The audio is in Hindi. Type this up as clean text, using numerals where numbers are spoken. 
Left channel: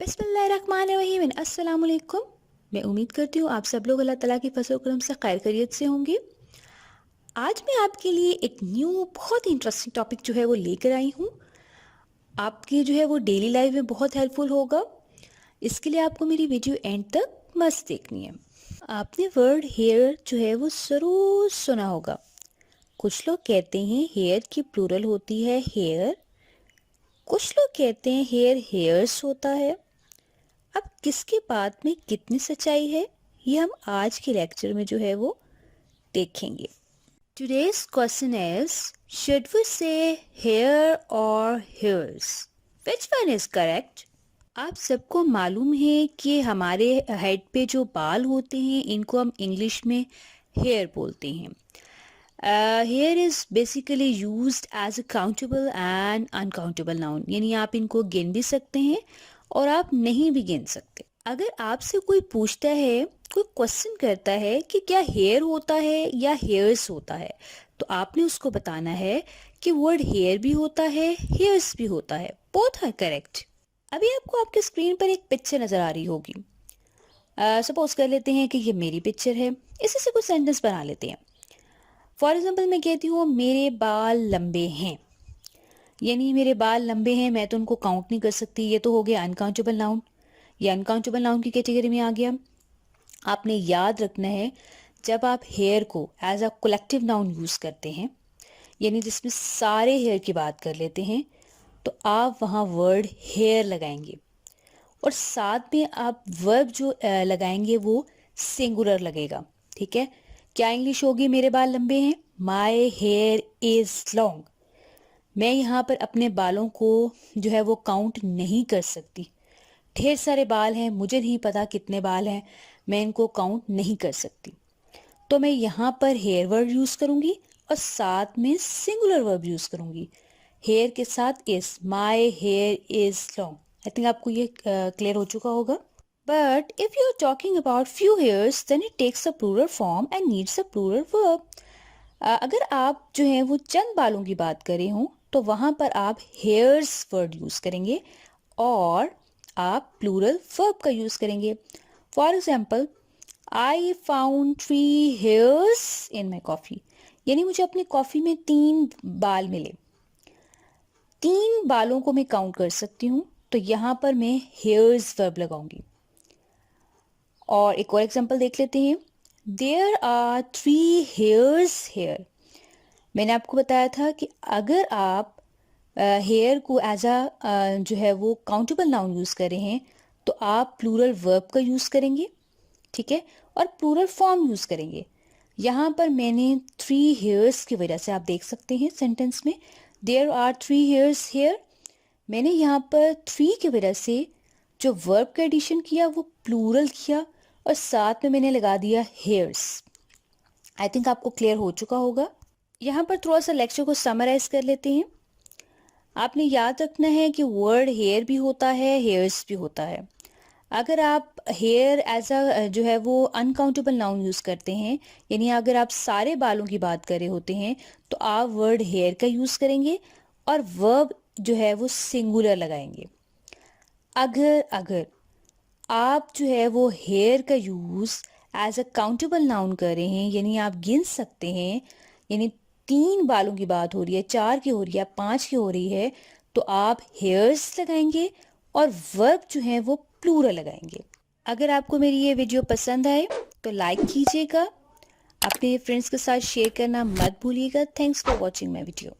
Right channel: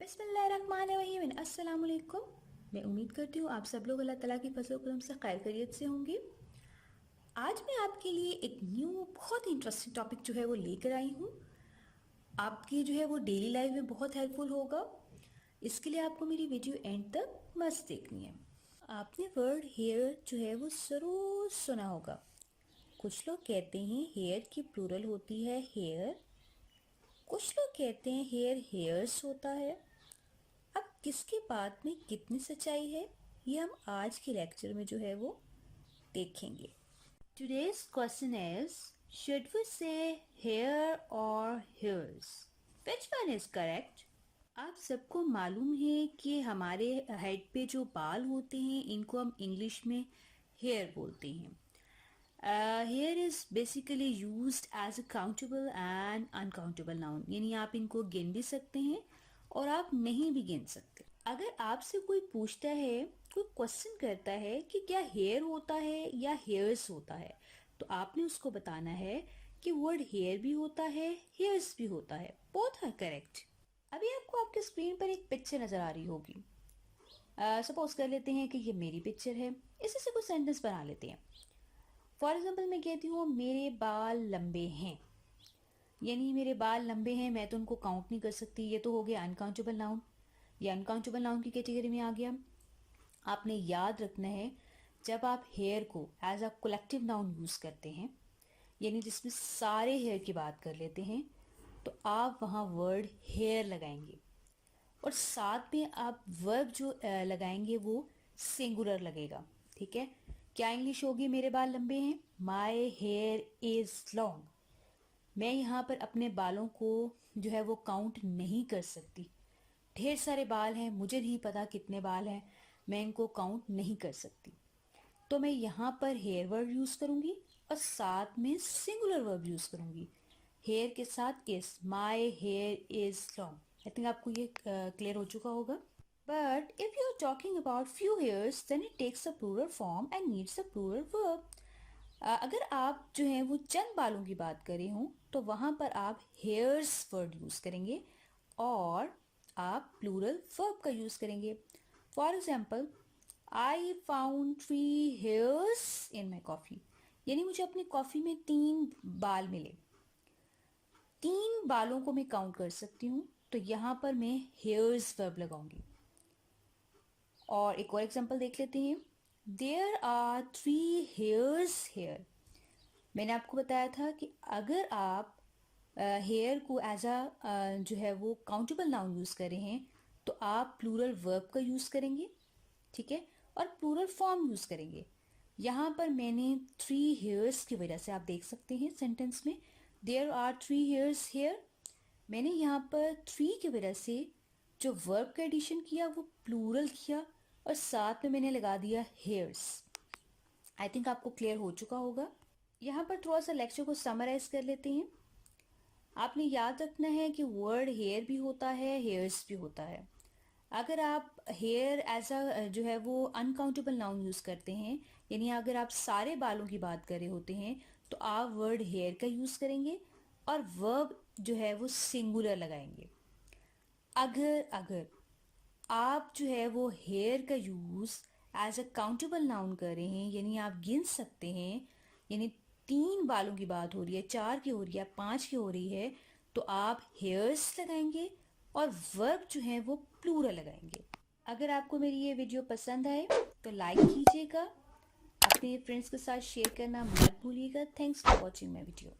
बिस्मिल्लाहिर्रहमानिर्रहीम। अस्सलाम वालेकुम। मैं उम्मीद करती हूँ आप सब लोग अल्लाह ताला की फजल करम से खैर खैरियत से होंगे। आज मैं आपके लिए एक न्यू बहुत ही इंटरेस्टिंग टॉपिक जो है वो लेकर आई हूँ। आपकी जो है वो डेली लाइफ में बहुत हेल्पफुल होगा। इसके लिए आपको मेरी वीडियो एंड तक मस्त देखनी है। आपने वर्ड हेयर जो है वो ज़रूर सुना होगा। कुछ लोग कहते हैं हेयर की प्लूरल होती है हेयर, कुछ लोग कहते हैं हेयर हेयर्स होता है। अब किसकी बात में कितनी सच्चाई है ये हम आज के लेक्चर में जो है वो देखेंगे। Today's question is, should we say hair और hairs, which one is correct? आप सबको मालूम है कि हमारे हेड पे जो बाल होते हैं इनको हम इंग्लिश में हेयर बोलते हैं। Hair is basically used as a countable and uncountable noun, यानी आप इनको गिन भी सकते हैं और आप नहीं भी गिन सकते। अगर आपसे कोई पूछता है, कोई क्वेश्चन करता है कि क्या हेयर होता है या हेयर्स होता है, तो आपने उसको बताना है कि वर्ड हेयर भी होता है हेयर्स भी होता है, बोथ आर करेक्ट। अभी आपको आपके स्क्रीन पर एक पिक्चर नज़र आ रही होगी। सपोज कर लेते हैं कि ये मेरी पिक्चर है, इसी से कुछ सेंटेंस बना लेते हैं। फॉर एग्जाम्पल मैं कहती हूँ मेरे बाल लंबे हैं, यानी मेरे बाल लंबे हैं, मैं तो उनको काउंट नहीं कर सकती, ये तो हो गया अनकाउंटेबल नाउन। ये अनकाउंटेबल नाउन की कैटेगरी में आ गया। आपने याद रखना है, जब आप हेयर को as a collective noun use करते हैं, यानी जिसमें सारे हेयर की बात कर लेते हैं, तो आप वहाँ वर्ड हेयर लगाएंगे और साथ में आप वर्ब जो लगाएंगे वो सिंगुलर लगेगा। ठीक है, क्या इंग्लिश होगी मेरे बाल लंबे हैं? माई हेयर इज लॉन्ग। मैं यहाँ पर अपने बालों को जो है वो काउंट नहीं कर सकती। ढेर सारे बाल हैं, मुझे नहीं पता कितने बाल हैं, मैं इनको काउंट नहीं कर सकती। तो मैं यहाँ पर हेयर वर्ड यूज़ करूँगी और साथ में सिंगुलर वर्ब यूज़ करूँगी। हेयर के साथ is, my hair is long. I think आपको ये क्लियर हो चुका होगा। But if you are talking about few hairs then it takes a plural form and needs a plural verb. अगर आप जो है वो चंद बालों की बात करें हों तो वहाँ पर आप हेयर्स वर्ड यूज़ करेंगे और आप प्लूरल वर्ब का यूज़ करेंगे। For example, I found 3 hairs in my coffee, यानी मुझे अपनी कॉफ़ी में 3 बाल मिले। 3 बालों को मैं काउंट कर सकती हूँ, तो यहाँ पर मैं हेयर्स वर्ब लगाऊंगी। और एक और एग्जाम्पल देख लेते हैं। There are 3 hairs hair. मैंने आपको बताया था कि अगर आप हेयर को एज अ जो है वो काउंटेबल नाउन यूज़ कर रहे हैं तो आप प्लूरल वर्ब का यूज़ करेंगे, ठीक है, और प्लूरल फॉर्म यूज़ करेंगे। यहाँ पर मैंने 3 हेयर्स की वजह से, आप देख सकते हैं सेंटेंस में देयर आर 3 हेयर्स हेयर, मैंने यहाँ पर 3 की वजह से जो वर्ब का एडिशन किया वो प्लूरल किया और साथ में मैंने लगा दिया हेयर्स। आई थिंक आपको क्लियर हो चुका होगा। यहाँ पर थोड़ा सा लेक्चर को समराइज कर लेते हैं। आपने याद रखना है कि वर्ड हेयर भी होता है हेयर्स भी होता है। अगर आप हेयर एज अ जो है वो अनकाउंटेबल नाउन यूज़ करते हैं, यानी अगर आप सारे बालों की बात कर रहे होते हैं तो आप वर्ड हेयर का यूज़ करेंगे और वर्ब जो है वो सिंगुलर लगाएंगे। अगर अगर आप जो है वो हेयर का use as a countable noun कर रहे हैं, यानी आप गिन सकते हैं, यानी 3 बालों की बात हो रही है, 4 की हो रही है, 5 की हो रही है, तो आप हेयर्स लगाएंगे और वर्ब जो है वो प्लूरल लगाएंगे। अगर आपको मेरी ये वीडियो पसंद आए तो लाइक कीजिएगा, अपने फ्रेंड्स के साथ शेयर करना मत भूलिएगा। Thanks for watching my video.